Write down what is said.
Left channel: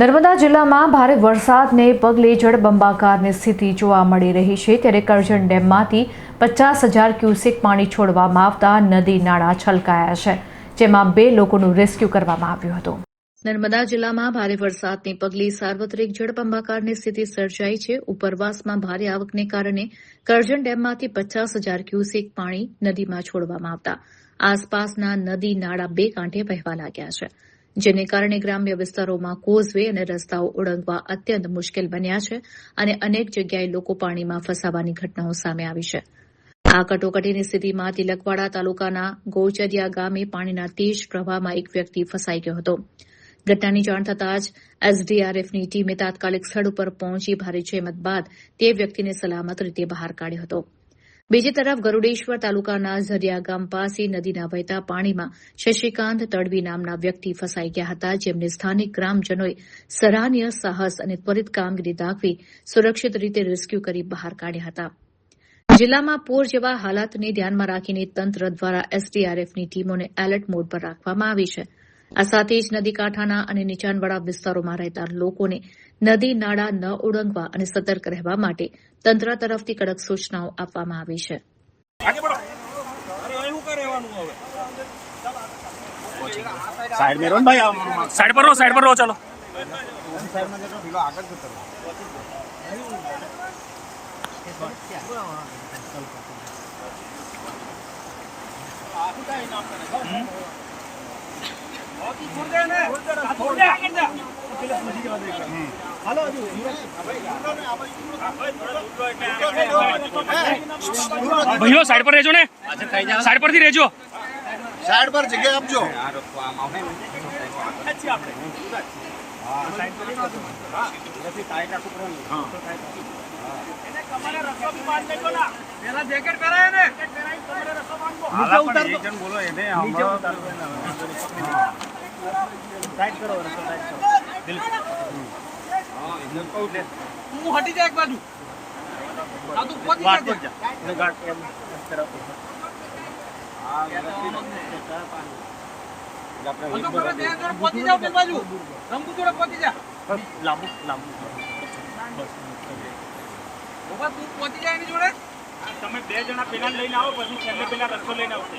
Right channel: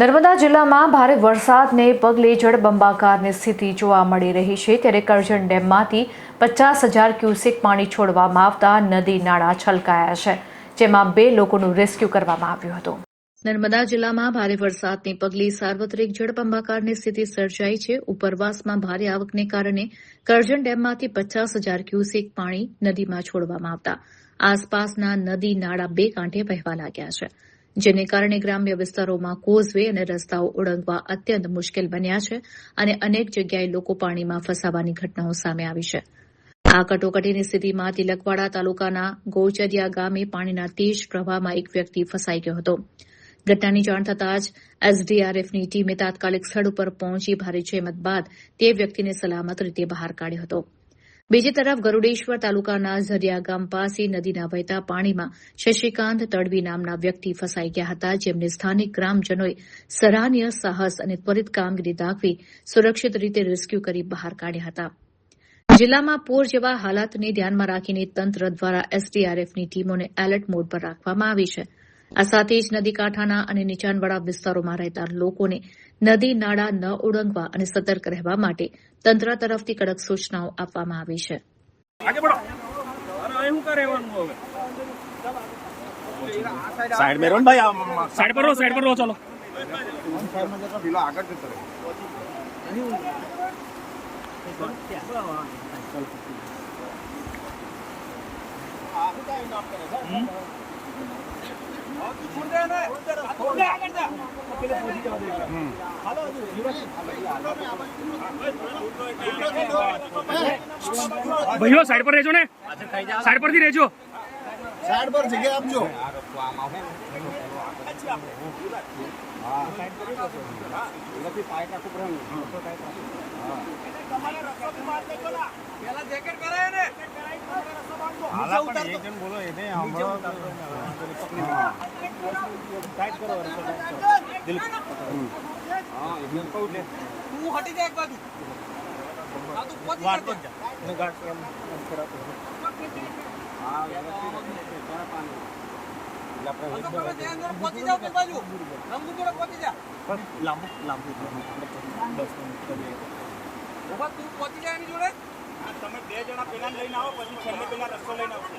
નર્મદા જિલ્લામાં ભારે વરસાદને પગલે જળબંબાકારની સ્થિતિ જોવા મળી રહી છે, ત્યારે કરજણ ડેમમાંથી 50,000 ક્યુસેક પાણી છોડવામાં આવતા નદી નાળા છલકાયા છે, જેમાં 2 લોકોનું રેસ્ક્યુ કરવામાં આવ્યું હતું. નર્મદા જિલ્લામાં ભારે વરસાદને પગલે સાર્વત્રિક જળબંબાકારની સ્થિતિ સર્જાઈ છે. ઉપરવાસમાં ભારે આવકને કારણે કરજણ ડેમમાંથી 50,000 ક્યુસેક પાણી નદીમાં છોડવામાં આવતા આસપાસના નદી નાળા 2 કાંઠે વહેવા લાગ્યા છે, જેને કારણે ગ્રામ્ય વિસ્તારોમાં કોઝવે અને રસ્તાઓ ઓળંગવા અત્યંત મુશ્કેલ બન્યા છે અને અનેક જગ્યાએ લોકો પાણીમાં ફસાવાની ઘટનાઓ સામે આવી છે. આ કટોકટીની સ્થિતિમાં તિલકવાડા તાલુકાના ગોચરિયા ગામે પાણીના તેજ પ્રવાહમાં એક વ્યક્તિ ફસાઈ ગયો હતો. ઘટનાની જાણ થતાં જ એસડીઆરએફની ટીમે તાત્કાલિક સ્થળ ઉપર પહોંચી ભારે જહેમત બાદ તે વ્યક્તિને સલામત રીતે બહાર કાઢ્યો હતો. બીજી તરફ ગરૂડેશ્વર તાલુકાના ઝરિયા ગામ પાસે નદીના વહેતા પાણીમાં શશિકાંત તડવી નામના વ્યક્તિ ફસાઈ ગયા હતા, જેમને સ્થાનિક ગ્રામજનોએ સરાહનીય સાહસ અને ત્વરિત કામગીરી દાખવી સુરક્ષિત રીતે રેસ્ક્યુ કરી બહાર કાઢ્યા હતા. જિલ્લામાં પૂર જેવા હાલાતને ધ્યાનમાં રાખીને તંત્ર દ્વારા એસડીઆરએફની ટીમોને એલર્ટ મોડ પર રાખવામાં આવી છે. આ સાથે જ નદીકાંઠાના અને નીચાણવાળા વિસ્તારોમાં રહેતા લોકોને નદી નાળા ન ઓળંગવા અને સતર્ક રહેવા માટે તંત્ર તરફથી કડક સૂચનાઓ આપવામાં આવી છે. साइड में रहो भाई, साइड पर रहो चलो। भैया साइड पर रहजो ने, साइड पर थी रहजो, साइड पर जगह आपजो। પેલા જેકેટ પહેરાય ને નીચે ઉતાર એક જણ બોલો એને નીચે ઉતાર સાઈડ કરો દિલ હા એકદમ કહું લે હું હટી જા એક બાજુ આ તું પતી જા ને ગાડ એમ તરફ હા આપણે પતી જાવ પેલ બાજુ રંગુ જોડે પતી જા લાંબુ ઓબા તું પતી જાય એની જોડે તમે 2 જણા પેલા લઈને આવો, પછી છેલ્લે પેલા રસ્તો લઈને આવશે.